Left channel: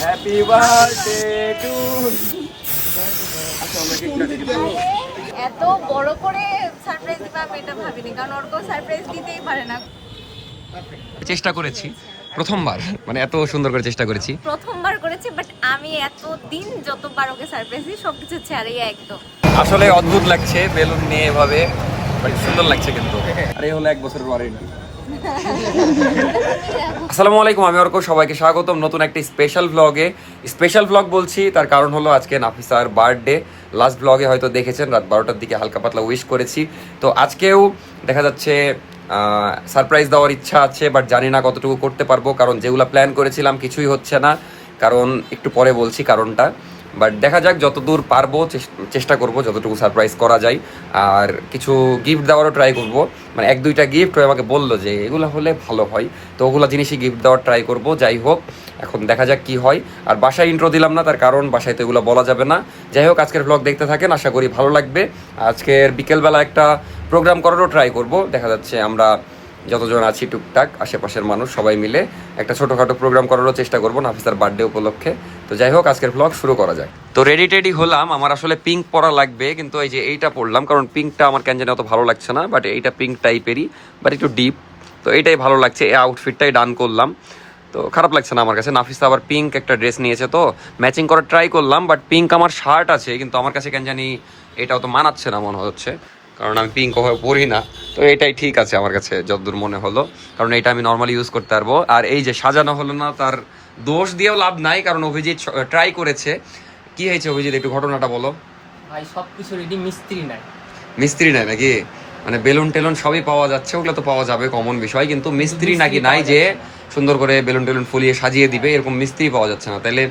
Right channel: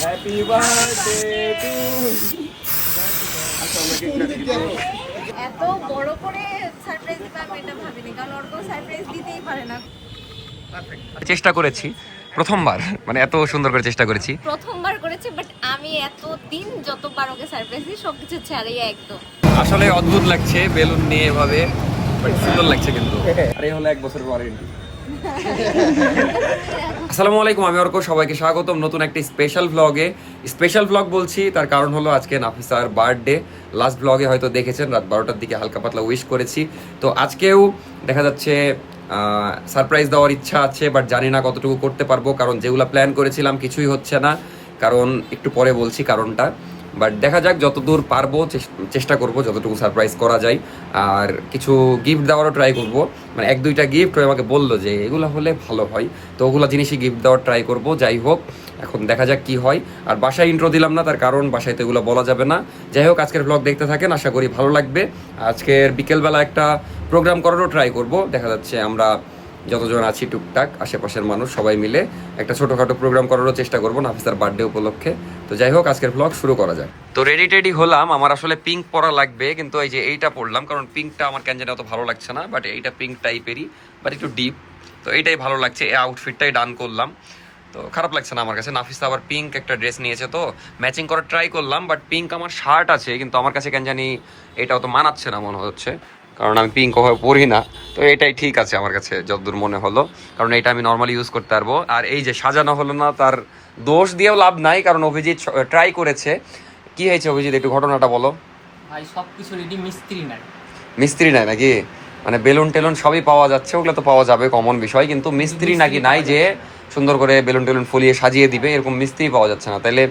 Happy birthday two আচ্ছা আমরা কেকটা কেটে দেবো। এত বড় করে সারপ্রাইজ দিবে আমি এটা ভাবিনি, কারণ ওর কোনো সারপ্রাইজ দিতেই পারে না। চেষ্টা করেছি প্রথমবার, মানে এত সুন্দর করে চেষ্টা করেছি প্রথমবার করেছি, বাট আমি এতদিন যতবার ওকে সারপ্রাইজ দিই সবকিছু ছাড়াই একদম। আসলে অদ্ভুত লাগছে বেলুন নিয়ে এভাবে, বাট সুন্দর লাগছে কিন্তু। আর এই হলো 1 বছরের ওয়ারেন্টি। আসসালামু আলাইকুম, আমি অর্ক, সবাইকে স্বাগতম নতুন একটা স্পেশাল ব্লগে। স্পেশাল ব্লগ বলছি তার কারণ হলো আজকে নাফিসার বার্থডে। লাস্ট ব্লগে হয়তো দেখেছেন রাত 12টার দিকে হালকা পাতলা উইশ করেছি। তো আজকেও দেখা যাচ্ছে সারপ্রাইজ দেওয়ার ইচ্ছা আছে, বাট জানি না কতটুকু করতে পারবো, কারণ যেগুলো প্ল্যান করেছিলাম কিছুই হচ্ছে না। কারণ একটু পরে বলছি কারণটা, বাট দেখা যাক যতদূর পারবো চেষ্টা করব যতটুকু সারপ্রাইজ করা যায়। আর কিছু গিফট দেওয়ারও ট্রাই করব, মানে 1-2টা গিফট আমাকে বললো যে এগুলো হলে ভালো হয়, তো ওগুলো জিনিসই গিফট দেওয়ার ট্রাই করব। যাই হোক, এখন দেখা যাক কি হয়। আর বাসায় ইন্ট্রো দিলাম না, তার কারণ বাসায় তো এগুলো বলা যাবে না। যাই হোক, আজকের ব্লগ দেখতে থাকেন, আশা করি ভালো লাগবে। আজকের বিকেলবেলা একটা প্রোগ্রাম করারও ট্রাই করব। দেখা যাচ্ছে আমরা যতজন আছি টুকটাক আশেপাশের মানুষ সবাই মিলে একটা ছোটোখাটো প্রোগ্রাম করারও চেষ্টা করবো নাফিসার বার্থডে উপলক্ষে। তো যাই হোক, আজকের ব্লগ শুরু করা যায়। তো রেডি টেডি হলাম, আমার আসলে পিঙ্ক পরা লাগবে, কিন্তু এই যে এইটা পরলাম কারণ পিঙ্কটা আমার কেন জানি অত ভালো লাগছে না, বাট এইটা পিঙ্ক টাইপেরই, বাট একটু ডিপ, তো এইটাই ভালো লাগছে। এই আউটফিটটাই ডান করলাম, তো খারাপ লাগছে না আমার কাছে। নাফিসা আবার পিঙ্ক একটা ড্রেস নিয়েছে, তো ম্যাচিং করার ট্রাই করলাম, বাট পিঙ্ক আমার শার্ট আছে, কিন্তু আমার কাছে কেন জানি এটাও তো মানাচ্ছে না মনে হচ্ছে, কারণ আমি পিঙ্ক ওভাবে পরি না। তো এটাই ঠিক আছে আমার কাছে যতদূর মনে হলো, কারণ এটা আমি নর্মালি ইউজ করতে পারবো। আর এই যে সাজানো হলো না, তার দোষ দিয়েও লাভ নাই, কারণ অভিজিৎ ট্রাই করেছে। কি হয়েছে অভিজিৎ, একটু ঘটনাটা বলো। ভাই সবকিছু রেডি, মিস্ত্রি নাই। মিস্ত্রি নাই নাকি? মানে বেলুন টেলুন সবই পাওয়া যাচ্ছে, ওগুলো তো পাওয়া যাবে কমন বিষয়, কিন্তু মিস্ত্রি নাকি নাই যে সুন্দর করে বেলুন টেলুন ফুলিয়ে সাজিয়ে দিবে, এরকম মিস্ত্রি পাওয়া যাচ্ছে না। তাইলে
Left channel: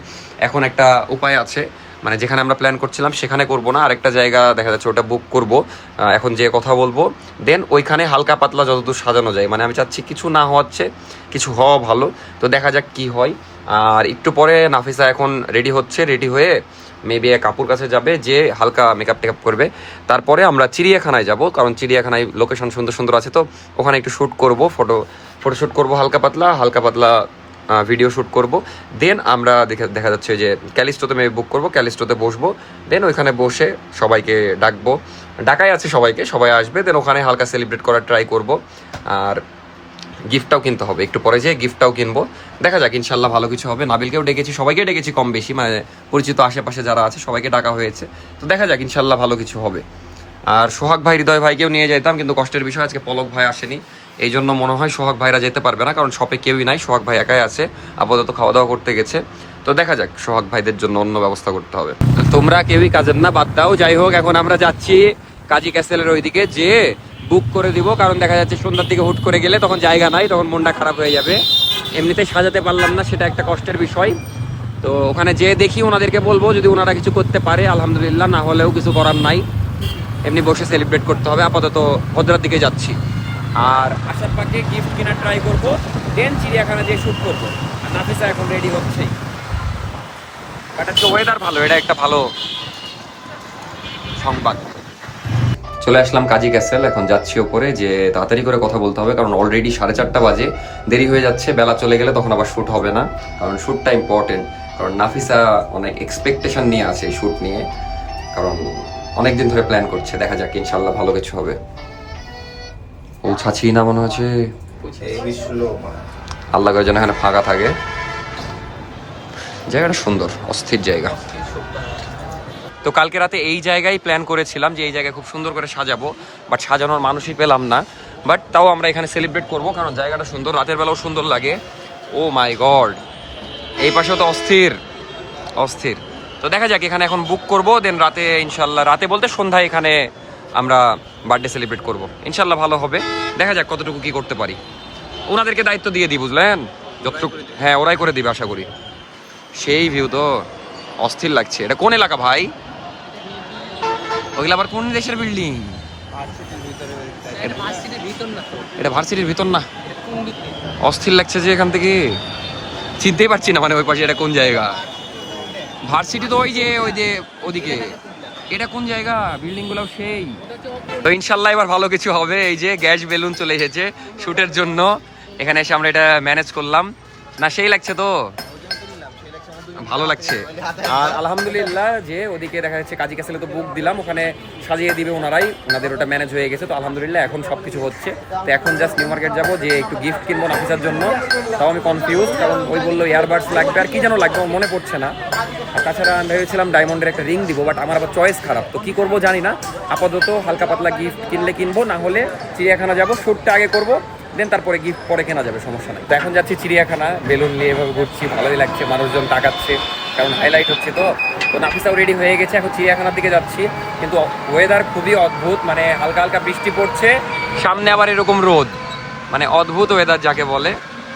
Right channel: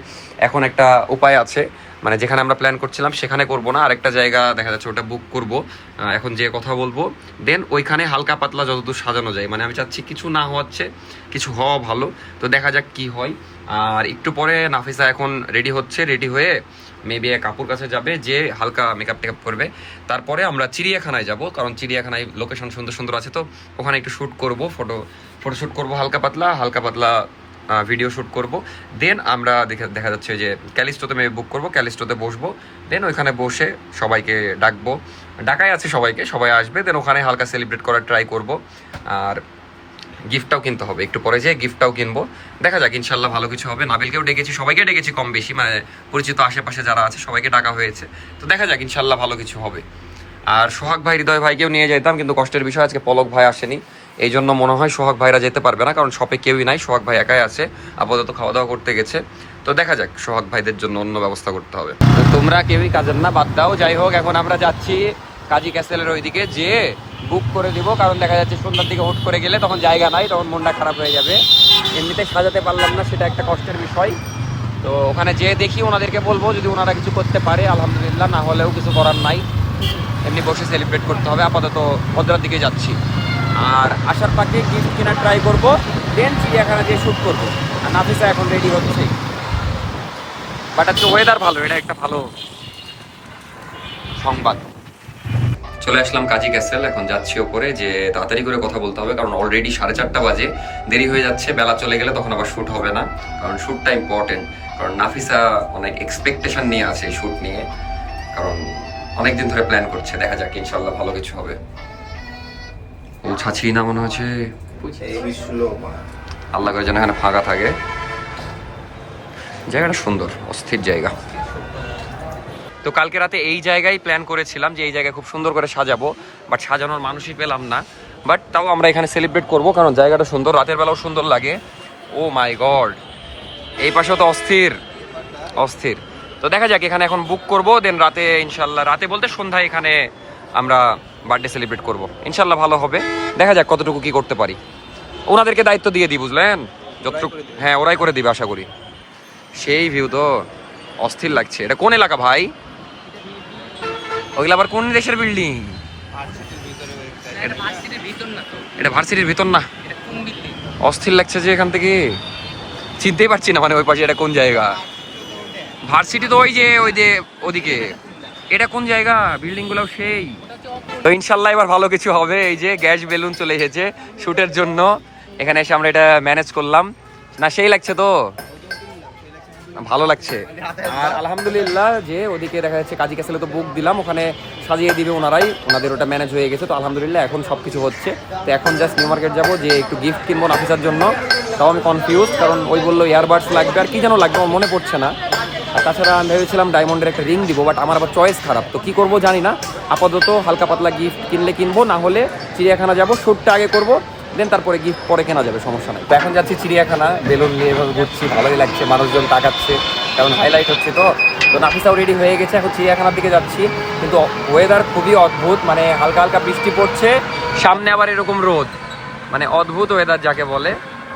এখন একটা উপায় আছে, মানে যেখানে আমরা প্ল্যান করছিলাম সেখানে করব না, আরেকটা জায়গা দেখা যাচ্ছে ওটা বুক করব। এখন যে কথা বলবো, দেন ওইখানে হালকা পাতলা যতদূর সাজানো যায়, মানে আমি চাচ্ছি কিছু না হওয়াচ্ছে কিছু হওয়া ভালো। তো দেখা যাক কি হয়। আর একটু পরে নাফিসা এখন রেডি হচ্ছে, রেডি হয়ে মেবি কাপুর কাছে যাবে, যে হালকা মেকআপ টেকআপ করবে। তারপরে আমরা চিড়িয়াখানায় যাব, কারণ চিড়িয়াখানায় লোকেশন সুন্দর সুন্দর আছে, তো ওখানে একটু শ্যুট করব, ফটোশ্যুট করব, হালকা পাতলা ভিডিও শ্যুট করব। দেন আমরা দেখা যাচ্ছে যে ক্যালিস্টোতে মেয়ে বুক করব, ক্যালিস্টোতে বসবো। দেন ওইখানে বসে সবাইকে ডাকবো, ডাকাই আছে সবাইকে, সবাই আসবে। দেন ওখানে হালকা সেলিব্রেট করার ট্রাই করব। আর গিফটটাও কিনতে হবে, একটু পরে যে গিফটটাও কিনবো। দেখা যাক, ইনশাল্লাহ ভালো কিছু হবে। নাবিলকেও ডেকেছি, সবাইকে ডেকেছি কম বেশি, মানে পরিচিত আশেপাশে যারা আছে সবাইকে ডাকা হয়েছে। তো দেখা যাক, ইনশাল্লাহ ভালো কিছু হবে। আর সোহাগ ভাই, হৃদয় ভাইকেও নিয়ে যেতাম, কিন্তু কষ্টের বিষয় আজকে পলক ভাই আসেনি, এই জন্য মনে হয় সোহাগ ভাইরা যেতে পারবে না, কারণ শপে কেউই নাই, সোহাগ ভাই একাই আছে, আপাতত খাওয়া দাওয়া করতে গেছে। তো দেখা যাক, সোহাগ ভাইদের জন্য অন্য ব্যবস্থা করতে হবে। তোমরা কেউই কাজের না, বাদ দাও। যাই হোক, এখন আমরা যাচ্ছি কাজী ক্যাসেলের ওইদিকে, যে বুক করে দিব, কারণ দেখা যাচ্ছে সন্ধ্যার দিকে হুট করে গেলে তখন জায়গা নাই, তখন মনটা খারাপ হয়ে যাবে। এমনিতে সাজাতে পারলাম না, সেটা একটা কষ্টের বিষয়। তো ওখানে যে দেখি ওনাদেরকে বলবো, যদি ওনারা কিছু করতে পারে আলহামদুলিল্লাহ, না হলেও কিছু করার নাই, এমনি বসে সেলিব্রেট করতে হবে। আপাতত ভদ্রার দিকে যাচ্ছি, আর আসার পাকে গিফট কেনার ট্রাই করবো, দেন চিড়িয়াখানা যেয়ে শ্যুট করবো। আর নাফিসা এখন রেডি হচ্ছেই, বাট আজকে ওয়েদার ভালো, এটা একটা ভালো সংবাদ। চলে আসলাম কাজী ক্যাসেল, এখন যাচ্ছি ওপরে, যে তাড়াতাড়ি করে কথা বলতে হবে, কারণ অলরেডি 4:30 বাজে, দেরি হয়ে যাচ্ছে। বেলা চলে গেলে তখন আবার শ্যুট হবে না, কারণ শ্যুটটা ইম্পর্টেন্ট। কারণ নাফিসা অনেক এক্সপেকটেশন নিয়ে আছে শ্যুট নিয়ে, কারণ অনেকদিন ধরে প্ল্যান করছে। দেখা যাক, ইনশাল্লাহ ভালো কিছু হবে। পৌঁছাচ্ছি না মনে হচ্ছে, আল্লাহ করে যেন এখানে ফাঁকা থাকে। জায়গাটা সুন্দর, অস্থির জায়গা। তো কালকে রাতে এই জায়গায় প্ল্যান করেছিলাম যে এই জায়গায় খুব সুন্দর করে সাজাবো, বাট সাজানোর মানুষই পেলাম না। বাট তাও আমরা এখানে সেলিব্রেট করবো, কারণ জায়গাটা সুন্দর, রাতের বেলাও সুন্দর লাগে। ও মাই গড, এই পাশেও তো অস্থির অস্থির। তো দেখা যাক, এখানে এখন বুক করবো, দেন রাতে ইনশাল্লাহ, রাতে বলতে সন্ধ্যায় এখানে আমরা বার্থডে সেলিব্রেট করবো, ইনশাল্লাহ ভালো হবে। দেখা যাক কতটুকু কি করতে পারি। ওনাদেরকে দায়িত্ব দিয়ে দিই, বুঝলেন, যতটুকু, হ্যাঁ ওরাই করে দিবে আশা করি। সেই ভিউ তো অস্থির লাগছে। এটা কোন এলাকা ভাই? ওইগুলো আবার কোন দেশের বিল্ডিং? এটা ভার্সিটির ভিতর না? অস্থির লাগছে যে এখান থেকে চিনতেই পারছি না, মানে ওই পাশে এটা কোন জায়গা? ভার্সিটি তো ওই যে ওদিকে, এটা কোন জায়গা? বিল্ডিং গুলো সেই। তো ইনশাল্লাহ এবার ভালো কিছু হবে। এই যে গ্যাস বেলুন চলে এসেছে শুটের জন্য, এখানে এসে আমরা এটা ম্যানেজ করলাম না, সেই লাগছে তো। ভালো লাগছে। আর আলহামদুলিল্লাহ যে ওদিকে দেখা যাচ্ছে কাজী ক্যাসেলে তো বুক দিলাম, ওখানে সাজিয়ে দিবে ওনারাই, ওনাদের ওটা ম্যানেজ হয়ে গেছে। তো আলহামদুলিল্লাহ এখন সব কিছু হচ্ছে। তো এখন জাস্ট নিউ মার্কেট যাবো, যে একটু গিফট কিনবো নাফিসার জন্য। তাও আমি কনফিউজ, কারণ ওই বললো ইয়ারবাডস লাগবে আর কি যেন লাগবে, আমার মনে পড়ছে না। আর তাছাড়া আমি ভেবেছিলাম ডায়মন্ডের একটা রিং দিব, বাট আমার আবার চয়েস খারাপ, তো কী করবো জানি না। আপাতত হালকা পাতলা গিফট কিনলে কিনবো, না হলে চিড়িয়াখানা যাবো, শ্যুটটা আগে করবো, দেন তারপরে গিফট পরে কেনা যাবে, সমস্যা নাই। তো এখন যাচ্ছি চিড়িয়াখানা, বেলুন নিয়ে এভাবে ঘুরছি, ভালোই লাগছে, মানুষজন তাকাচ্ছে কারণ হাইলাইট হচ্ছে। তো নাফিসাও রেডি হয়ে গেছে, এখন চিড়িয়াখানার দিকে যাচ্ছি। কিন্তু ওয়েদার খুবই অদ্ভুত, মানে হালকা হালকা বৃষ্টি পড়ছে, সামনে আবার এরকম রোদ, মানে অদ্ভুত ওয়েদার যাকে বলে।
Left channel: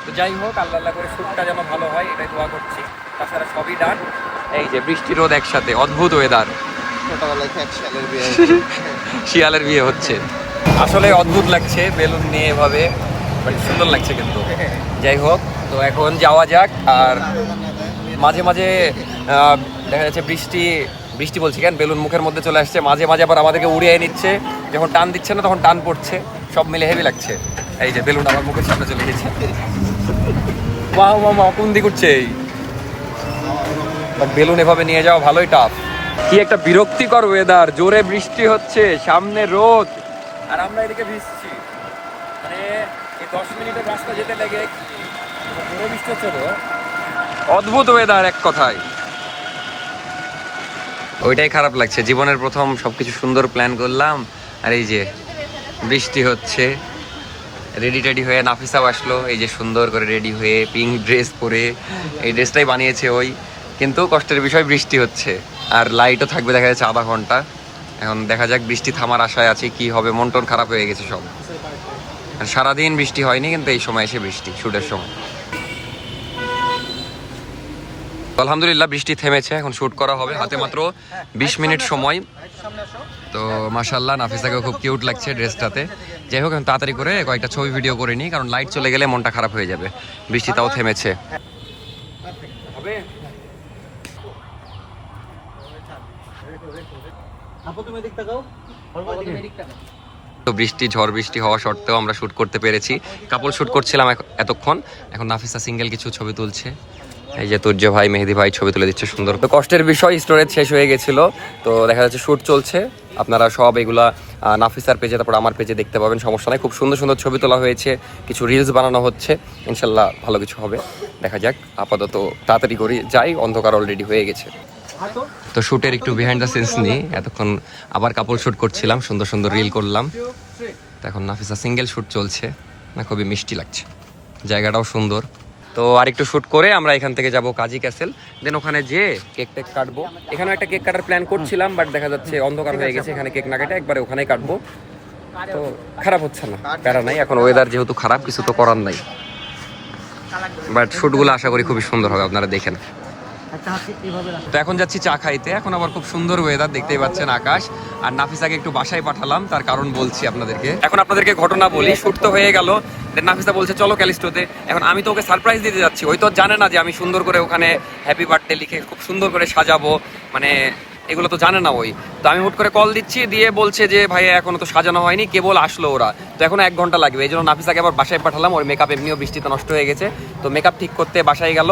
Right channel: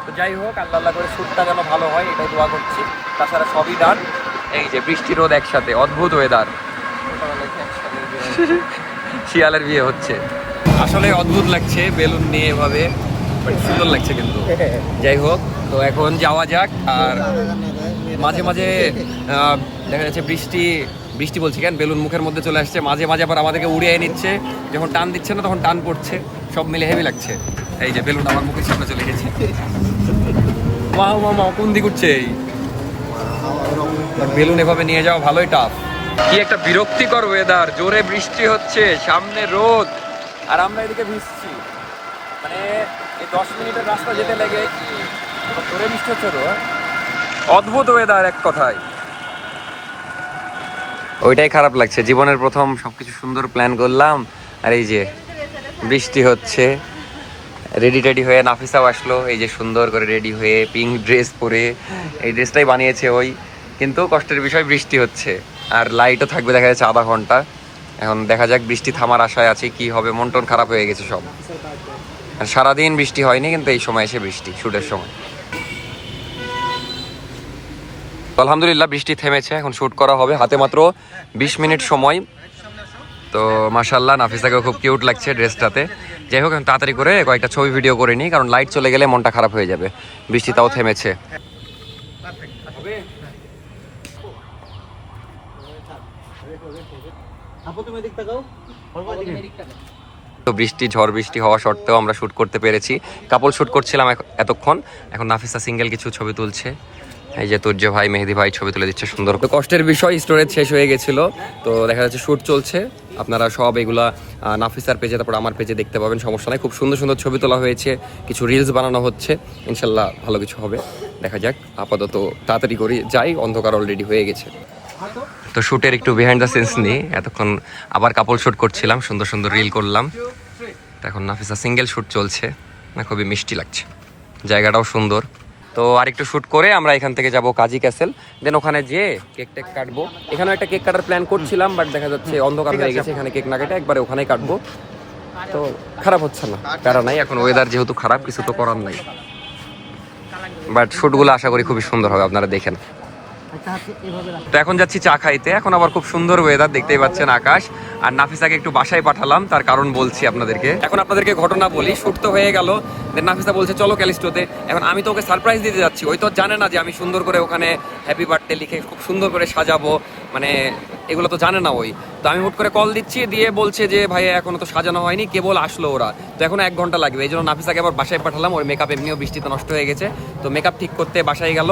তো যাই হোক, আল্লাহ আল্লাহ করে শ্যুটটা যেন ভালো হয় এটাই দোয়া করছি। তাছাড়া সবই ডান। এই যে বৃষ্টি রোদ একসাথে, অদ্ভুত ওয়েদার। শিয়ালের বিয়ে হচ্ছে, আসলে অদ্ভুত লাগছে বেলুন নিয়ে এভাবে, বাট সুন্দর লাগছে কিন্তু। যাই হোক, তো এখন যাওয়া যাক। আর মাঝে মাঝে দেখা যাচ্ছে বৃষ্টি বলছি কেন, বেলুন মুখের মধ্যে চলে আসছে, মাঝে মাঝে আবার আমাদেরকে উড়িয়ে নিচ্ছে, যখন টান দিচ্ছে না তখন টান পড়ছে, সব মিলে হেভি লাগছে। এই যে বেলুন আমার মুখের সামনে চলে গেছে, মা মা কোন দিক উঠছে এই, বাট বেলুন এভাবে নিয়ে যাওয়া ভালোই টাফ। কি একটা বিরক্তিকর ওয়েদার, জোরে বৃষ্টি হচ্ছে, সামনে রোদ, আর আমরা এদিকে ভিজছি। মানে এই 10 মিনিটের রাস্তা যেতে লেগে জোরে বৃষ্টি হচ্ছে তো, অদ্ভুত ওয়েদার এক কথায়। ওইটাই খারাপ লাগছে, জীবনের প্রথম সবকিছু সুন্দর প্ল্যান করলাম, আর এই যে বৃষ্টি হচ্ছে। রেডি টেডি হয়ে নাফিসাও আসলো, এই যে সুন্দর করে রেডি হয়ে পিঙ্ক ড্রেস পরে, এই ড্রেসটাই বানিয়েছে ওই। কিন্তু কষ্টের বিষয় বৃষ্টি হচ্ছে, আর লাইটও থাকবে দেখা যাচ্ছে আধা ঘন্টা। এখন দেখা যাক, বৃষ্টি থামার আশায় আছি, কি হবে। মন টন খারাপ হয়ে গেছে সব, আর সারাদিন বৃষ্টি হয়নি, কিন্তু এই সময় এসে বৃষ্টি, শুটের সময়। আলহামদুলিল্লাহ বৃষ্টি থেমেছে, এখন শুট করা হবে, হাতে মাত্র 20 মিনিট সময়। তো মাশাআল্লাহ নাফিসাকেও খুব কিউট লাগছে ড্রেসটাতে। যাই হোক, এখন তাড়াতাড়ি করে কয়েকটা ছবি ভিডিও করে নিই, কারণ লাইট চলে গেলে মনটা খারাপ হয়ে যাবে। বৃষ্টি তাও থেমেছে। তো বৃষ্টি, ঝড় বৃষ্টি হওয়া সত্ত্বেও আমরা শুট করতে পেরেছি। কাপল শুট করছিলাম এতক্ষণ, এখন নাফিসা সিঙ্গেল কিছু ছবি তুলছে। এই যে তুর্য ভাই, মেহেদি ভাই ছবি তুলে দিচ্ছে সুন্দর। তো কষ্টের বিষয়, স্টোরেজ শেষ হয়ে গেছিল, তো দেখা যাচ্ছে শুট চলছে। আপনারা সব এগুলা নাফিসার পেজে, তারপর আমার পেজে দেখতে পাবেন, সমস্যা নাই। খুব সুন্দর সুন্দর ছবি তোলা হয়েছে, কিছু রিলস বানানো হচ্ছে, ইনশাল্লাহ ভালো কিছু হবে, দেখা যাক। আপাতত তাড়াতাড়ি করি যাই, অন্ধকার অলরেডি হয়ে গেছে। তো শুটের একটু বিহাইন্ড দ্য সিনস নিয়ে এতক্ষণ আবার কাপল শুট করছিলাম, সুন্দর সুন্দর রিল করলাম। তো এখন নাফিসা সিঙ্গেল শুট চলছে, খুবই মিষ্টি লাগছে, জায়গাটাও সুন্দর। তো আরেকটু শুট করে আমরা এখান থেকে যাব কাজী ক্যাসেল, দেন ওখানে যেয়ে কেক টেক কাটবো। এখানে একটা কেক কাটার প্ল্যান করছিলাম, বাট দেখা যাচ্ছে অন্ধকার হয়ে গেছে, এখানে কেক না কেটে একবারে ওখানেই কাটবো। তো খারাপ হচ্ছে না, প্যারা নাই, এখন ওয়েদার যেহেতু খারাপ, কিছু তো করার নাই। বাট শুটগুলো আশা করি খুবই সুন্দর হবে, আপনারা দেখেন। তো এখন যাচ্ছি চা খাইতে, এখন আবার খুব সুন্দর ওয়েদার, দেখতেই পাচ্ছেন আকাশ। আর নাফিসাকে একটু বাসায় পাঠালাম, তার কারণ বলছি আপনাদেরকে। এখন আপনাদেরকে ঘটনা বলি, শুট তো হয়ে গেল, দেন নাফিসা বলছে চলো ক্যালিস্টোতে। এখন আমি তো ওকে সারপ্রাইজ দিতে যাচ্ছি, ওই তো জানে না যে আমি সুন্দর করে ওখানে হ্যাপি বার্থডে লিখে খুব সুন্দর করে সাজাবো, মানে এগুলো তো জানে না ওই। তো আমি হুট করে কল দিচ্ছি, দিয়ে বলছে যে ভাইয়া এখনো তো সাজানো হয়নি, কেবল আসলো ওরা, তো এখন 1 ঘন্টা লাগবে। এই জন্য নাফিসাকে আবার বাসায় পাঠালাম, ওর মেকআপ এমনিও বৃষ্টিতে নষ্ট হয়ে গেছে, তো মেকআপ ঠিক করতে বাসায় গেল।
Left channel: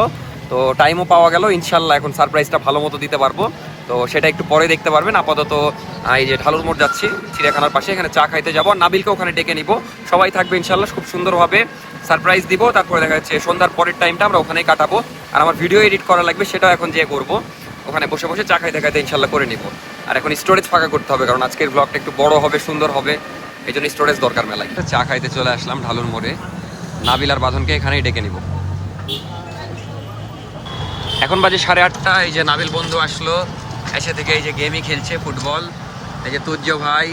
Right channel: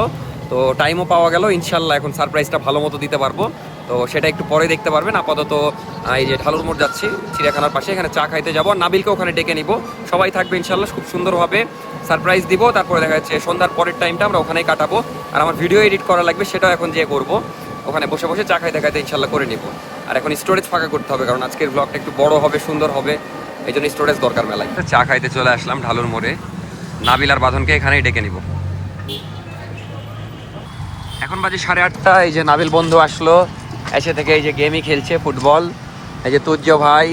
তো টাইমও পাওয়া গেল, ইনশাল্লাহ এখন সারপ্রাইজটা ভালো মতো দিতে পারবো। তো সেটা একটু পরে দেখতে পারবেন। আপাতত এই যে ঢালুর মোড় যাচ্ছি, চিড়িয়াখানার পাশে, এখানে চা খাইতে যাবো, আর নাবিলকে ওখানে ডেকে নিব, সবাই থাকবে ইনশাল্লাহ, খুব সুন্দরভাবে সারপ্রাইজ দিব। তারপরে দেখা যাচ্ছে সন্ধ্যার পরের টাইমটা আমরা ওখানেই কাটাবো। আর আমার ভিডিও এডিট করা লাগবে, সেটাও এখন যেয়ে করবো, ওখানে বসে বসে চা খাইতে খাইতে ইনশাল্লাহ করে নিব। আর এখন স্টোরেজ ফাঁকা করতে হবে, কারণ আজকের ব্লগটা একটু বড় হবে, সুন্দর হবে, এই জন্য স্টোরেজ দরকার মেলায়। চা খাইতে চলে আসলাম ঢালুর মোড়ে, নাবিল আর বাঁধনকে এখানেই ডেকে নিব। এখন বাজে 8:30। এই যে নাবিল বন্ধু আসলো, এসে থেকে এই যে গেমই খেলছে, ফুটবল। এই যে তুর্য ভাই।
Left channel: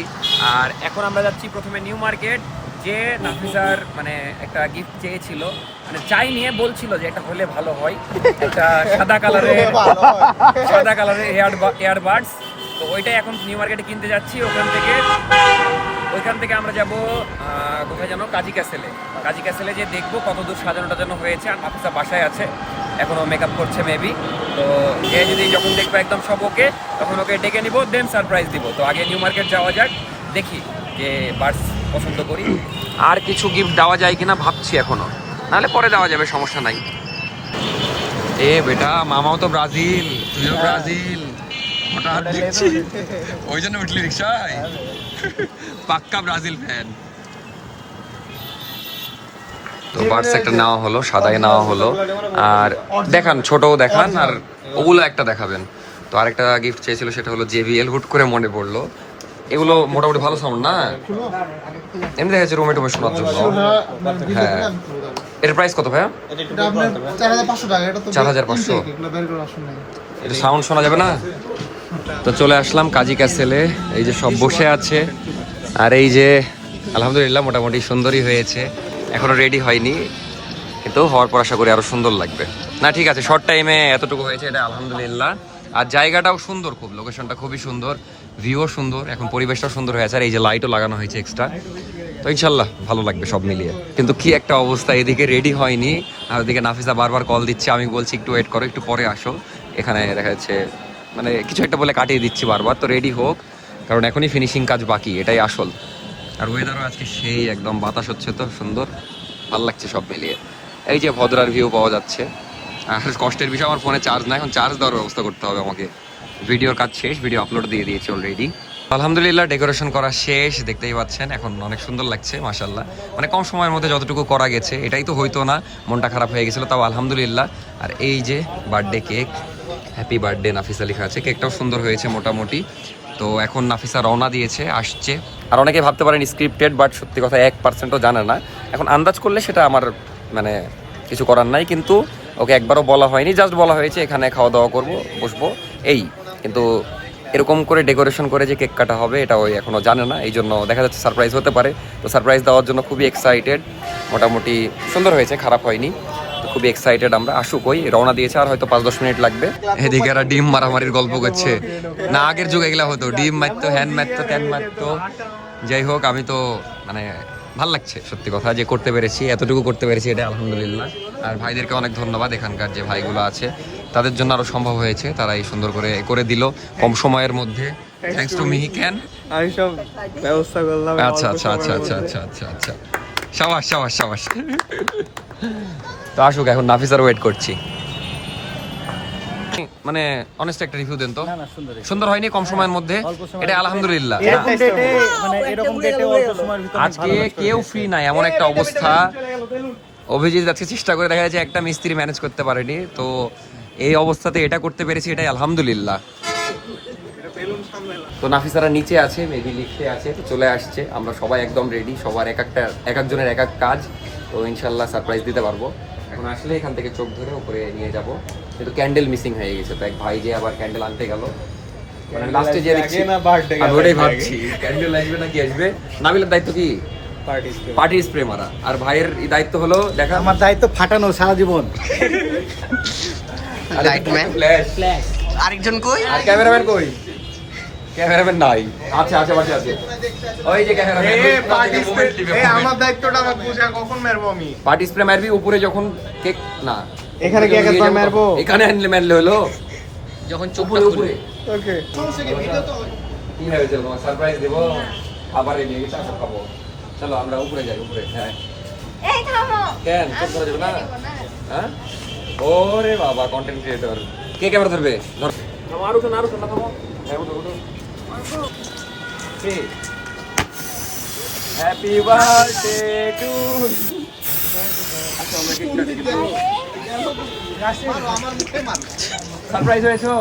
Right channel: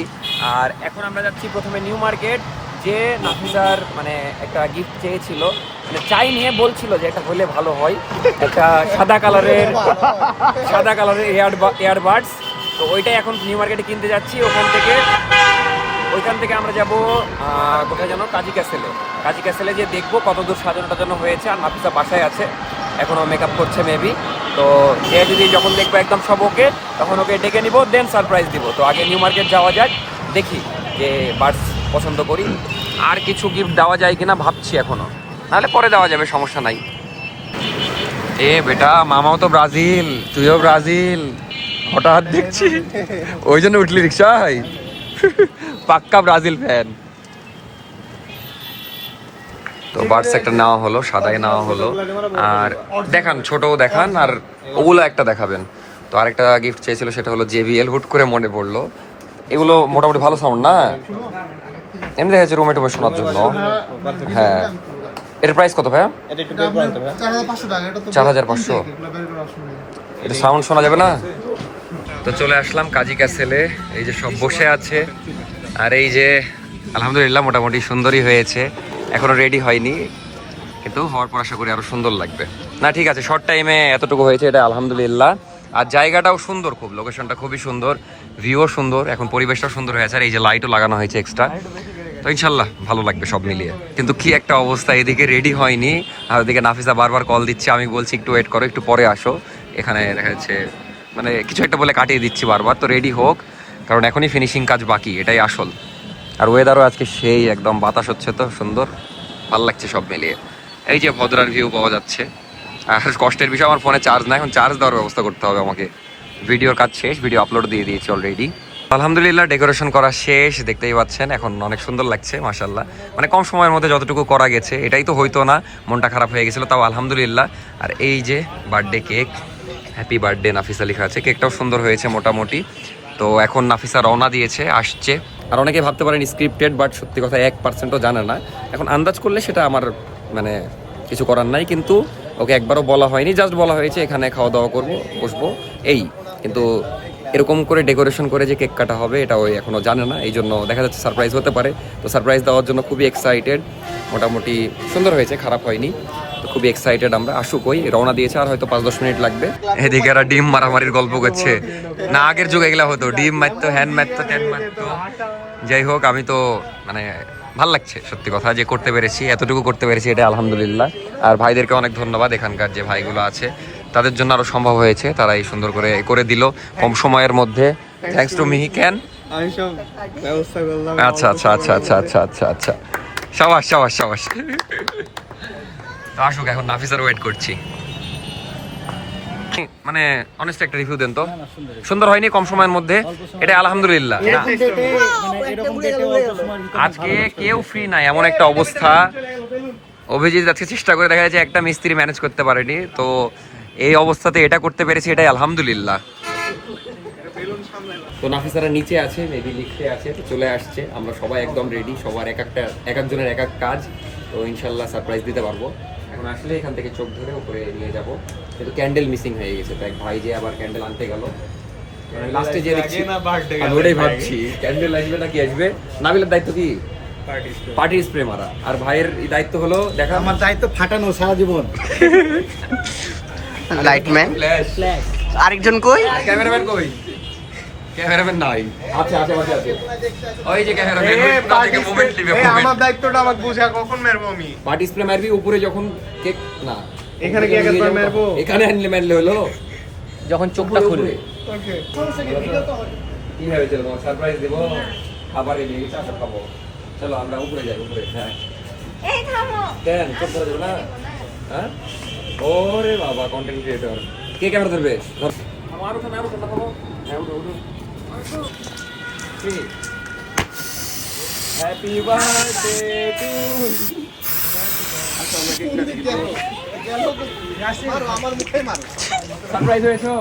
আর এখন আমরা যাচ্ছি প্রথমে নিউ মার্কেট, যে নাফিসার মানে একটা গিফট চেয়েছিল, মানে চাই নিয়ে বলছিল যে এটা হলে ভালো হয়, একটা সাদা কালারের এয়ারবাডস। তো ওইটাই এখন নিউ মার্কেটে কিনতে যাচ্ছি। ওইখান থেকে আমরা যাব কোথায় যেন, কাজী ক্যাসেলে যে দেখবো কতদূর সাজানো টাজানো হয়েছে। আর নাফিসা বাসায় আছে, এখনও মেকআপ করছে মেবি। তো এ যদি যখন দেখবো একদম সব ওকে, তখন ওকে ডেকে নিব, দেন সারপ্রাইজ দিব। তো আগে নিউ মার্কেট যাওয়া যাক, দেখি যে বার্ডস পছন্দ করি, আর কিছু গিফট দেওয়া যায় কিনা ভাবছি এখনো, নাহলে পরে দেওয়া যাবে, সমস্যা নাই। এ বেটা মামাও তো ব্রাজিল, তুইও ব্রাজিল, হঠাৎ দেখছি ওই জন্য উঠলি রিক্সায়। পাক্কা ব্রাজিল ফ্যান। তো বার্ডস একটা নেওয়া হলো, সাদাই নেওয়া হলো। আর দেখান, ছোটও দেখান আর ওগুলো একটা দেখাবেন। তো আরেকটা গিফট চেয়েছিল, সেটা হলো JBL। হুট করে মনে পড়লো, এগুলো মোটামুটি ভালো সাউন্ড না, এমনি দেখা যাচ্ছে রুমে টুমে শোনার জন্য। হ্যাঁ, এটার প্রাইস কত ভাইয়া? 4500। এটা সাউন্ড শোনা যাবে না। তো চলে আসলাম কাজী ক্যাসেলে, এই যে সব বসে আছে। আর এই যে আলহামদুলিল্লাহ মোটামুটি সুন্দরই হয়েছে, এখনো রেডি হয়নি, কিন্তু হওয়ার পর আশা করি আরো সুন্দর লাগবে। না ঠিক আছে, শর্ট টাইমে এতটুকু হয়েছে, এটা আলহামদুলিল্লাহ। আর জায়গাটাও সুন্দর, খুব লোকেশনটা খুবই সুন্দর, ভিউও সুন্দর, এখন পরিবেশটাও সুন্দর হয়েছে। আর এই যে লাইটও লাগানো হয়েছে এক্সট্রা, তো ইনশাল্লাহ ভালো লাগবে সব মিলিয়ে। কিন্তু কি একটা অবস্থা, এদিকে রেডি হয়নি আর ওদিকে নাফিসা বারবার কল দিচ্ছে, আমি বলছি একটু ওয়েট করো, একটু পরে আসো। এখানে দেখা যাচ্ছে মানে কিছু একটা বলে কাটিয়ে দিচ্ছি বারবার। তো রেডি হোক, কারণ এখনই ফিনিশিং কাজ বাকি, এটাই আসল। আর ওয়েদারও আজকে সেই একদম বাতাস হচ্ছে, তো সুন্দর, ভালো লাগছে সব মিলিয়ে। এই যে ভদ্রার ভিউ পাওয়া যাচ্ছে। আর কষ্টের বিষয়, আমার ফোনে চার্জ না, এখন চার্জ দেওয়ার ব্যবস্থা করতে হবে আমাকে। ভিডিওর কাজ শেষ, ভিডিও আপলোড দিয়ে দিয়েছি অলরেডি। আলহামদুলিল্লাহ ডেকোরেশন করা শেষ, দেখতেই পাচ্ছেন, এখন অনেক সুন্দর লাগছে মাশাআল্লাহ। মানে কম সময়ের মধ্যে যতটুকু করা গেছে, এটাই তো হইতো না, মনটা খারাপ হয়ে গেছিলো, তাও আলহামদুলিল্লাহ। আর এই যে birthday cake, happy birthday Nafisa লেখা আছে, কেকটাও সুন্দর হয়েছে মোটামুটি। তো এখন নাফিসা রওনা দিয়েছে, আসছে। আর অনেকে ভাবতে পারেন স্ক্রিপ্টেড, বাট সত্যি কথা 1%ও জানে না। এখন আন্দাজ করলে সেটা আমার মানে কিছু করার নাই, কিন্তু ওকে একবারও বলা হয়নি, জাস্ট বলা হয়েছে এখানে খাওয়া দাওয়া করবো, বসবো, এই। কিন্তু এরকম করে ডেকোরেশন করে যে কেক কাটা হবে, এটা ওই এখনো জানে না, এই জন্য দেখা যাচ্ছে সারপ্রাইজ হতে পারে। তো সারপ্রাইজ দেওয়ার জন্য খুবই এক্সাইটেড, মোটামুটি সুন্দর হয়েছে, খারাপ হয়নি। তো খুবই এক্সাইটেড আমরা। আসুক, ওই রওনা দিয়েছে, আর হয়তো 5-10 মিনিট লাগবে। এদিকে এরা ডিম মারামারির গল্প করছে, না আগের যুগে এগুলা হতো, ডিম মারতো, হ্যান মারতো, ট্যান মারতো। যাই হোক, আমি তো মানে ভাল লাগছে সত্যি কথা যে করতে পেরেছি, এতটুকু করতে পেরেছি, এটা আলহামদুলিল্লাহ। আর ভাইদেরকে অনেক ধন্যবাদ, এখানকার যে ভাইগুলো আছে তাদের জন্য আরো সম্ভব হয়েছে, তারা এই সুন্দর করে করে দিল কম সময়ের মধ্যে। Thanks to me. ক্যান আমি সব ব্যবস্থা করলাম। আচ্ছা আচ্ছা আচ্ছা আচ্ছা আচ্ছা আচ্ছা আচ্ছা, সাবাস সাবাস সাবাস। তো আসুক, এখন নাফিসার ওয়েট করছি। মানে অনেস্ট একটা রিভিউ দেন তো। সুন্দর হয়নি কম সময়ের মধ্যে, এটা আলহামদুলিল্লাহ। আজকে কেউ ফ্রি নাই, এমন একটা অবস্থা। অভিজিৎ আজকে চেষ্টা করে দেখা যাচ্ছে, একটা মিস্ত্রি ম্যানেজ করতে পারেনি, তো এই অবস্থাতে এটা করতে পেরেছি, এটাই আলহামদুলিল্লাহ। তো নাফিসারা নিচে আছে, মেবি লিখতে আছে, তো চলে আসছে। আমরা সবাই একদম রেডি, সবার এক একজনের এক এক কাজ। তো ইনশাল্লাহ সারপ্রাইজ দিতে পারবো। এখন আসলে এখান থেকে চোখ ধরে উপরে নিয়ে যাব, কিন্তু ক্যান্ডেল মিসিং হয়ে গেছে, তো এক ভাই যে আবার ক্যান্ডেল আনতে গেল। লাস্টে যে দেখছি, আমি ওটাই ভাবছি ক্যান্ডেল আসবে না কি আসবে। নাবিলের দায়িত্ব কি? পার্টি স্প্রে মারা। আর ভাইয়ের দায়িত্ব হলো দেখা, আমার দায়িত্ব ফাটানো সারা জীবন। লাইটম্যান, আরেকজন কই? ক্যামেরাম্যান কই? ক্যামেরাম্যান নাই। আচ্ছা আচ্ছা আচ্ছা আচ্ছা, ওই যে ক্যামেরাম্যান মোমেন্ট দিবে। আমার দায়িত্বটা আমার বুঝা, কখন মারবো আমি? পার্টি স্প্রে মারবি উপরে, যখন কেক না এখানে কি একবার মারবো? এখানে আনলে মারলে হলো, যখন উপরে চোখটা উপরে। খুলবে। ওকে, কি হবে, চলো সারপ্রাইজ দেবো, খাবার এনে চা খাবো। চলো আমরা উপরে যাই, উপরে। হ্যাঁ এই থামো। কেন চোখ ধরা যাবে না? হ্যাঁ, ওরে বাবা, কন্টেন্ট ক্রিয়েটর। কে ক্যামেরা ধরবে? ধর। আরো শোন, আরো শোন, থামো। হ্যাঁ, উঠো উঠো। Happy birthday to you. আচ্ছা, আমরা কেক কাটি দিব। আমার মুখে মার। সারপ্রাইজ হয়েছো?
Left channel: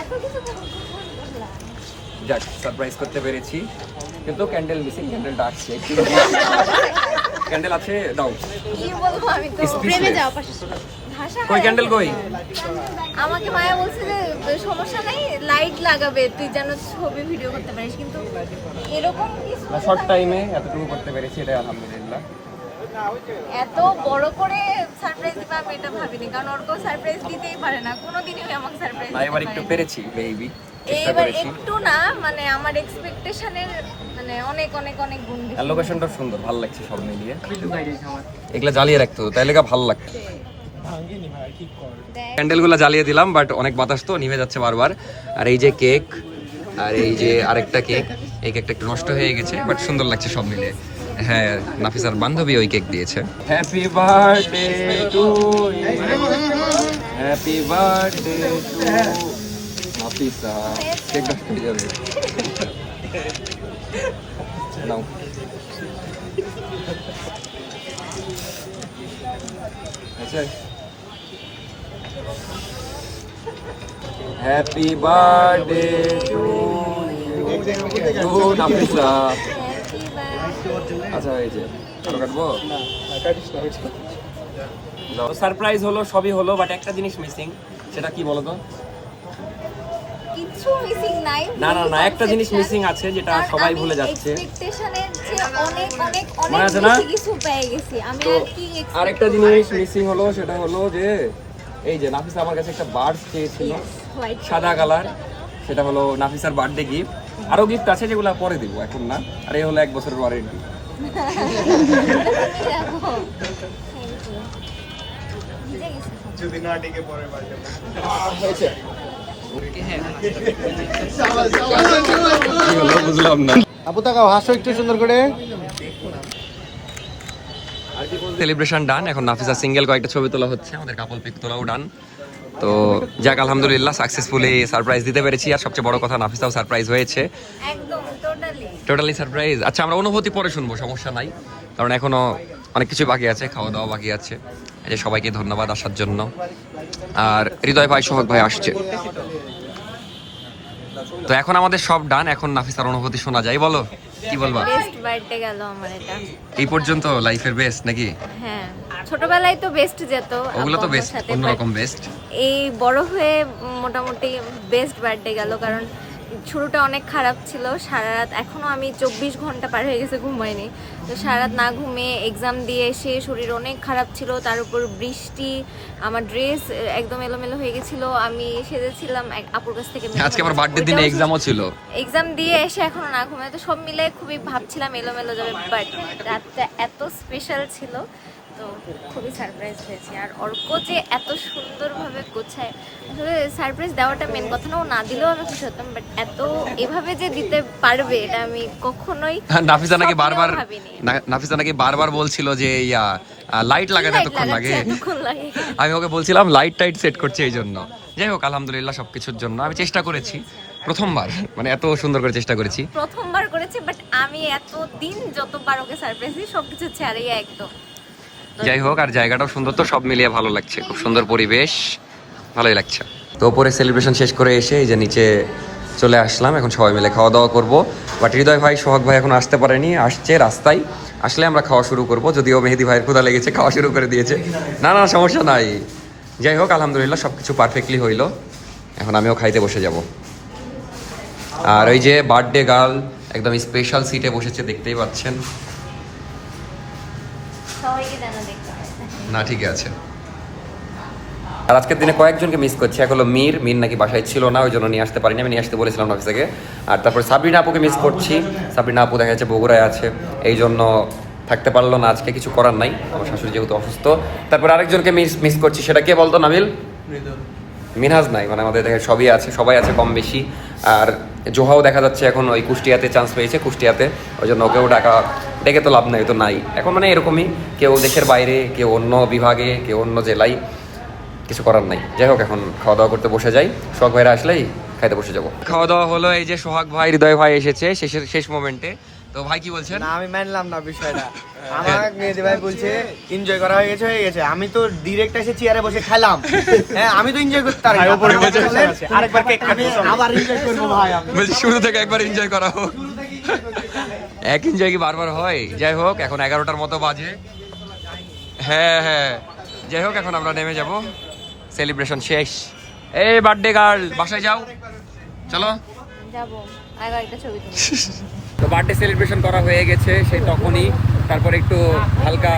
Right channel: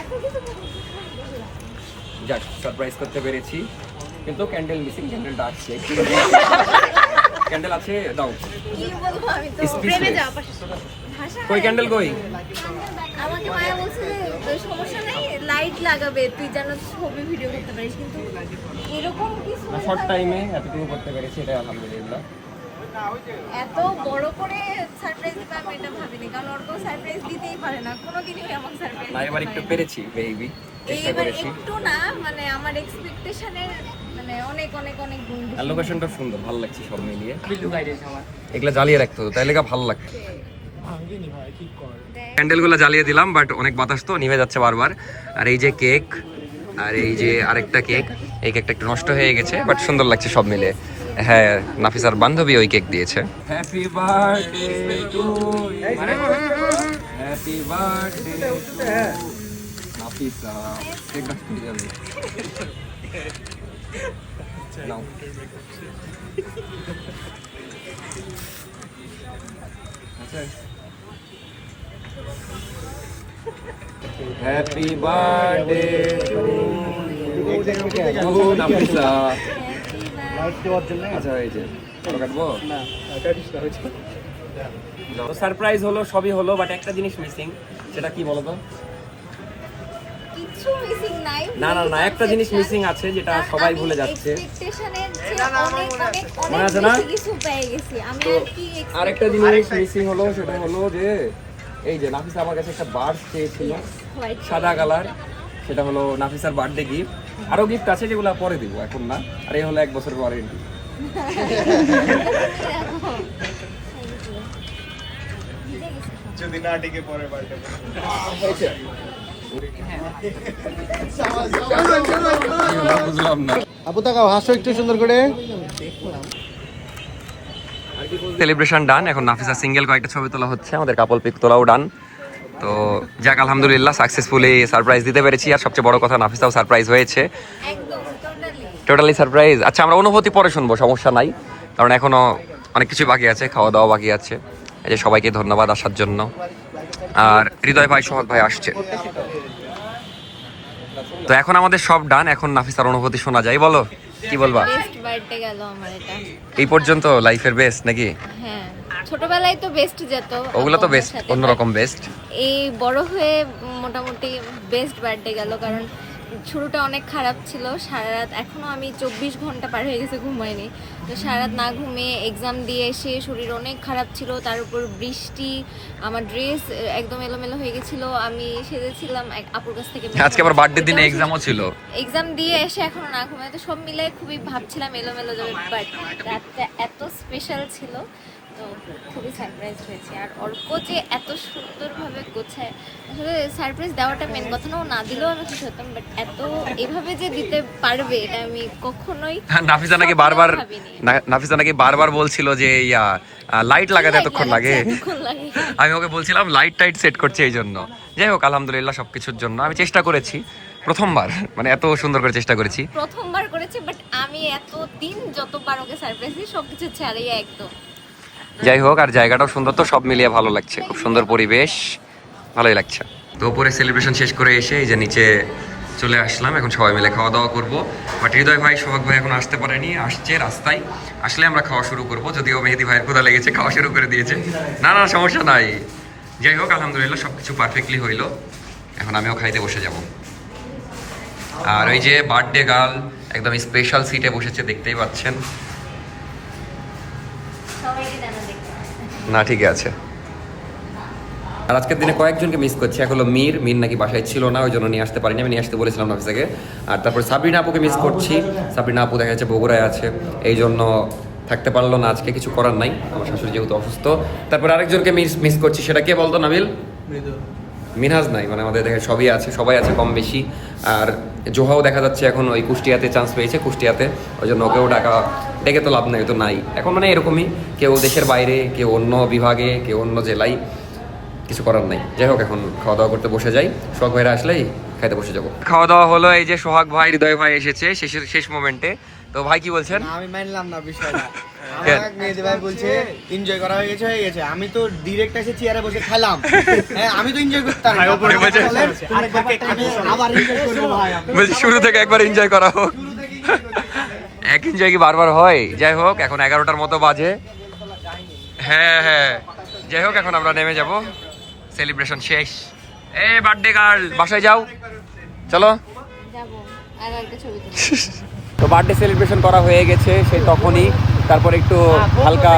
এত কিছু বললাম। যাক, সারপ্রাইজ করতে পেরেছি, কিন্তু ক্যান্ডেল মিসিং। ক্যান্ডেলটা আসছে, ক্যান্ডেল আছে, দাও। কি বলবো আমি তো Speechless. প্রেমে যাওয়া পাশে ভাষা কই নাই। ক্যান্ডেল কই? আমাকে মায়া বলছে যে সমস্যা নাই, লাইট লাগাবে, তুই যেন ছবি ভিডিও করতে পারিস, কিন্তু এরকম কিছু না, শর্ট টাইমে এতটুকু করতে পেরেছি, এটাই আলহামদুলিল্লাহ। এত বড় করে সারপ্রাইজ দিবে আমি এটা ভাবিনি, কারণ ওর কেউ সারপ্রাইজ দিতেই পারে না, কোনোদিনই আমাকে সারপ্রাইজ না, এবার একটু পেরেছি বেবি, চেষ্টা এবার করেছি। একটু না, মানে আমার এক্সপেকটেশনের মানে অনেক অনেক অনেক গুণ বেশি। আর লোকেশনটা সুন্দর, ভালো লাগছে সব মিলিয়ে। কিন্তু বাইরে আমার এগুলা জ্বালিয়ে রাখতে হতো, তাইলে ভালো লাগতো। ক্যান্ডেলগুলো জ্বালিয়ে দিলাম, বাট অনেক বাতাস তো নিভে যাচ্ছে বারবার। আর এই যে কেক, আর এই যে আরেকটা কেক, এই কেকটা একটু নষ্ট হয়ে গেছে, বাট সুন্দর লাগছে সব মিলে। হ্যাঁ, নাফিসার বান্ধবী ওই কেক দিয়েছে। Happy birthday to you. Happy birthday to Nafisa. Cake নষ্ট হয়ে যাবে। নাও। আচ্ছা, হ্যাপি বার্থডে টু নাফিসা। আচ্ছা হয়েছে, আরো কাটবো? সারপ্রাইজ হলো, সবই হলো, বাট একটা জিনিস মিসিং। সেটা কি বলো তো? কিছু মিসিং নাই। না না না, একটা জিনিস মিসিং আছে যেটা সবাই ভুলে যাচ্ছে। এক্সপেকটেশনের চেয়ে অনেক অনেক মনে অনেক আছে না? বেশি কিছু পেয়ে গেছি আমি। তো আর কি expect আরেকটা জিনিস মিসিং হলো, সেটা হলো যে এই যে নাফিসা আমার কাছে একটা বার্ড চেয়েছিল white সাদা কালার, সেটা হলো নাফিসার বার্থডে গিফট। আরো গিফট আছে যেগুলো পরে দিব, এখন না। আর এই হলো 1 বছরের ওয়ারেন্টি। দেখো। ভিজে গেছে সব। যদি না ডেকে পরে বাড়ি হয়েছে কি হলো বুঝলাম না। আপু তাকাও, হাসো একটু সুন্দর করে। সেলিব্রেশন ডান, এখন নাফিসা সিঙ্গেল কয়েকটা ছবি তোলা হচ্ছে, আমাদের কাপল পিক তোলাও ডান। তো যাক, আলহামদুলিল্লাহ সাকসেসফুলি সারপ্রাইজ দিতে পেরেছি। আর সবচেয়ে বড় কথা, নাফিসাও সারপ্রাইজ হয়েছে, একদম টোটালি সারপ্রাইজ। আচ্ছা, আমরা অনুভূতি পরে শুনবো, সমস্যা নাই, কারণ এখনো অনেক কিছু বাকি আছে, খাওয়া দাওয়া বাকি আছে। এই যে সবাইকে ধন্যবাদ আসার জন্য। আর হৃদয় ভাই, সোহাগ ভাই আসছে। তো এখন আমাদের সব ডান, এখন নাফিসার অনুভূতি শোনা যায়। বলো, কি বলবা? বেস্ট বার্থডে গেল আমার এটা। এই পর্যন্ত লাইফের বেস্ট নাকি? হ্যাঁ, ছোটবেলায় তো বেস্ট যেত, ওগুলো তো আব্বু বেস্ট, আম্মুর সাথে, অন্যরকম but বেস্ট। এই বড় হয়ে মোটামুটি বেস্ট বার্থডে গেল। কারণ শুরুটা অনেক খারাপ ছিল, সারা রাত, এখনো আমি 24 ঘন্টা পার হয়ে গেছে ঘুমাইনি। তো সারা রাত না ঘুমিয়ে এক্সাম দিয়ে এসে শরীর অনেক খারাপ ছিল, তার উপর বৃষ্টি, আমার ড্রেস একদম এলোমেলো হয়ে গেছিল। আমি সেজেছিলাম এক আপুর কাছ থেকে, আজকে আমার বার্থডে দিনে এক্সামও ছিল। এক্সাম দিয়ে এসে এখনো না ঘুমাই, তো সব মিলে খুবই ভাবছিলাম এলোমেলো যাবে, বাট রাতটা এত স্পেশাল ছিল, তো খুবই সারপ্রাইজ হয়েছে। আর অর্ক যে এত সুন্দরভাবে গোছায়, আসলে সারপ্রাইজ দেওয়াটা মেন কথা না, ও না দিলেও আমি খুশি হতাম, বাট এত এভাবে যে দিতে পারবে এটা আমি কখনোই নাফিসা নাকি স্বপ্নেও বারবার ভাবিনি। নাফিসা নাকি বারবার বলছিল যে ইয়া লাইট লাগাতে এতক্ষণ লাগে। এতক্ষণ লাগে। আমি ওকে বলছিলাম লাইট টাইট সেট করছে এই জন্য। যাই হোক, আলহামদুলিল্লাহ সবকিছুর জন্য আমি চেষ্টা করেছি, প্রথমবার মানে এত সুন্দর করে চেষ্টা করেছি। প্রথমবার করেছি, বাট আমি এত দিন যতবার ওকে সারপ্রাইজ দিই সবকিছু ছাড়িয়ে একদম। যাই হোক, আর জায়গাটাও সুন্দর, তো সব মিলিয়ে ভালো লাগছে, খুব সুন্দর পরিবেশ, ভালোই লাগছে। তো উপরে সেলিব্রেশন শেষ করে এসে এই যে নিচে চলে আসলাম, এখন সবাই মিলে খাওয়া দাওয়া করবো। বাট হৃদয় ভাই, সোহাগ ভাই এখন আসতে পারেনি, আসছে রাস্তায়, আসলে আমরা খাওয়া শুরু করবো। যদিও মেহেদি ভাইয়ের ক্ষুধা লেগেছে, খাওয়া শুরু করে দিয়েছে। না না, সমস্যা নাই। যাই হোক, আলহামদুলিল্লাহ সব কিছু পারফেক্টলি হইলো, এখন আমিও খাইতে বসে যাব। আর ওই যে বার্থডে গার্ল একদম স্পেশাল সিটে বসেছে, দেখতেই পাচ্ছেন। সবাইকে জানা দেখতে হবে। না, ঠিকই আছে। আর আজকের দিনে কয়েকজনকে মিস করছি। এক হলো মীর নাকি বাসায় ছিল না, ওই জন্য নিয়ে আসতে পারিনি, আমি নিয়ে আসতে বলেছিলাম অফিস থেকে। আর তারপরে সাবরিনা আপুকে মিস করছি, সাবরিনা আপু দেখা যাচ্ছে বগুড়ায় আছে, এই জন্য থাকতে পারলো না আজকে, কিছু করার নাই, আমার শাশুড়ি যেহেতু অসুস্থ। তারপর আরেকজনকে মিস করছি, সেটা কে বলতো নাবিল? মিনহাজ নাই, মানে আমাদের দেখে সবই আছে, সবাই আছে কম বেশি। আর জোহাও দেখা যাচ্ছে এখন ওই কুষ্টিয়াতে চান্স পেয়েছে, কুষ্টিয়াতে, ওই জন্য ওকেও ডেকে তো লাভ নাই, তো নাই এখন, মানে এরকমই, কেউ দেশের বাইরে, কেউ অন্য বিভাগে, কেউ অন্য জেলায়, কিছু করার নাই। যাই হোক, এখন খাওয়া দাওয়া করতে বসে যাই, সোহাগ ভাইরা আসলেই খাইতে বসে যাবো। খাওয়া দাওয়া হলো, এই যে সোহাগ ভাই, হৃদয় ভাই এসেছে শেষ মোমেন্টে। তো ভাই কি বলছেন? না, আমি মানলাম না বিষয়টা। আমার মেহেদি ভাই বলছে এনজয় করা হয়ে গেছে। আমি তো ডিরেক্ট এসে চেয়ারে বসে খেলাম। হ্যাঁ, আমি তো এনজয় করতে পারি না। আমি আবার এনজয় করবো ভাই। বলছি শুরু থেকে একবার এনজয় করা হোক। এক এনজয় কি বারবার হয়? যাই হোক, এখন 11টার মতো বাজে। হ্যাঁ, যাই হোক, এখন আমরা নেমে যাব, সেলিব্রেশন শেষ। এই বার্থডে গার্ল, বাসায় যাও, চলো যাবো, আগে একটা ছবি তুলি। তো বার্থডে সেলিব্রেশন করা হয়ে গেছে সেই তখনই। তারপর একটু হালকা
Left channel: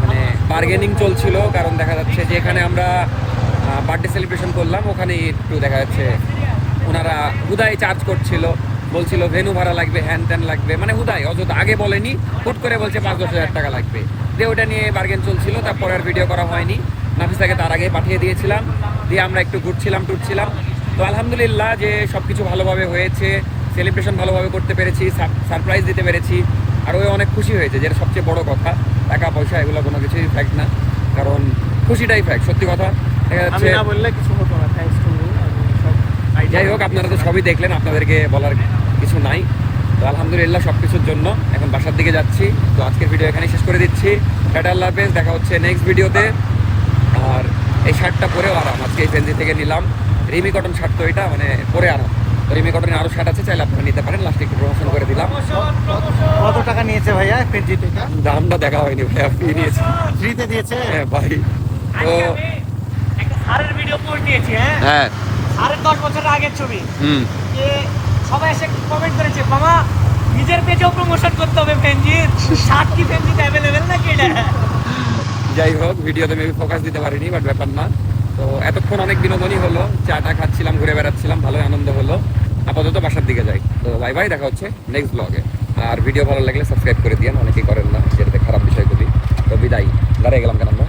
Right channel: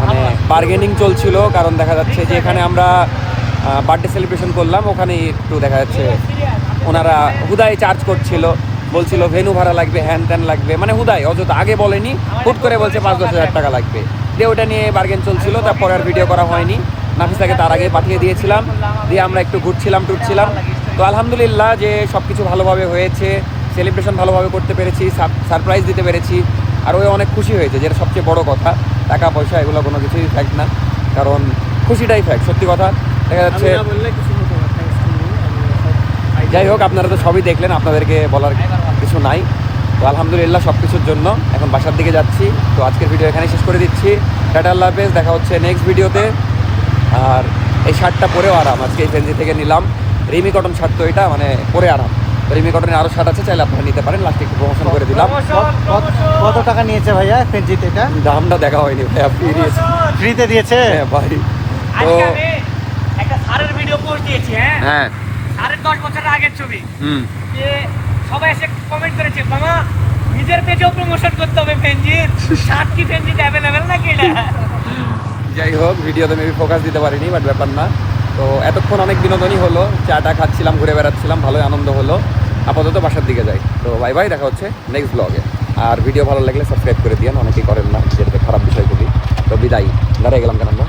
মানে বার্গেনিং চলছিল, কারণ দেখা যাচ্ছে যে এখানে আমরা বার্থডে সেলিব্রেশন করলাম, ওখানে একটু দেখা যাচ্ছে ওনারা হুদাই চার্জ করছিল, বলছিল ভেনু ভাড়া লাগবে, হ্যান ত্যান লাগবে, মানে হুদাই, অযথা, আগে বলেনি, হুট করে বলছে 5-10 হাজার টাকা লাগবে, দিয়ে ওটা নিয়ে বার্গেন চলছিল। তারপরে আর ভিডিও করা হয়নি, নাফিসাকে তার আগে পাঠিয়ে দিয়েছিলাম, দিয়ে আমরা একটু টুরছিলাম। তো আলহামদুলিল্লাহ যে সব কিছু ভালোভাবে হয়েছে, সেলিব্রেশন ভালোভাবে করতে পেরেছি, সারপ্রাইজ দিতে পেরেছি, আর ওই অনেক খুশি হয়েছে, যেটা সবচেয়ে বড় কথা। টাকা পয়সা এগুলো কোনো কিছুই ফ্যাক্ট না, কারণ খুশিটাই ফ্যাক্ট, সত্যি কথা। দেখা আমি যাচ্ছে না বললে কিছু হতো না, থ্যাঙ্কস টু ইউ। আমি সব যাই হোক, আপনারা তো সবই দেখলেন, আপনাদেরকে বলার কিছু নাই। তো আলহামদুলিল্লাহ সব কিছুর জন্য এখন বাসার দিকে যাচ্ছি। তো আজকের ভিডিও এখানেই শেষ করে দিচ্ছি। টাটা, আল্লাহ হাফেজ, দেখা হচ্ছে নেক্সট ভিডিওতে। আর এই শার্টটা পরেও আরাম, আজকে এই ফেন্সি থেকে নিলাম রিমি কটন শার্ট, তো এটা মানে পরে আরাম। তো রিমি কটনের আরও শার্ট আছে, চাইলে আপনারা নিতে পারেন। লাস্টে একটু প্রমোশন করে দিলাম। কত টাকা নিয়েছে ভাইয়া ফেন্সিতে এটা? দামটা দেখা হয়নি ভাইয়া, ফ্রি দিয়েছে। ফ্রিতে দিয়েছে? হ্যাঁ ভাই। তো একটা স্যারের ভিডিও পোস্ট দিয়েছি, হ্যাঁ হ্যাঁ, স্যারের 10 বছরের আগের ছবি, হুম, যে সবাই এসে কমেন্ট করেছে, মামা নিজের পেজেও প্রমোশন করতে হবে ফেঞ্জির, শার্ট কি ফেঞ্জিতে অ্যাভেলেবেল নাকি এটা? যাই হোক, ভিডিওতে মেবি ফোকাস দিতে পারিনি, বাট ব্যাপার না। তো এতক্ষণ অনেক বিনোদনই হলো, চাটা খাচ্ছিলাম, ঘুরে বেড়াচ্ছিলাম, ভালোই আনন্দ হলো। আপাতত বাসার দিকে যাই। তো বাই বাই, দেখা হচ্ছে নেক্সট ব্লগে। আর ভিডিও ভালো লাগলে সাবস্ক্রাইব করে দিয়েন, অনেকেই করেন না, যেটাতে খারাপ বিষয়গুলি। তো বিদায়, দাঁড়িয়ে গেলাম কেন আমরা।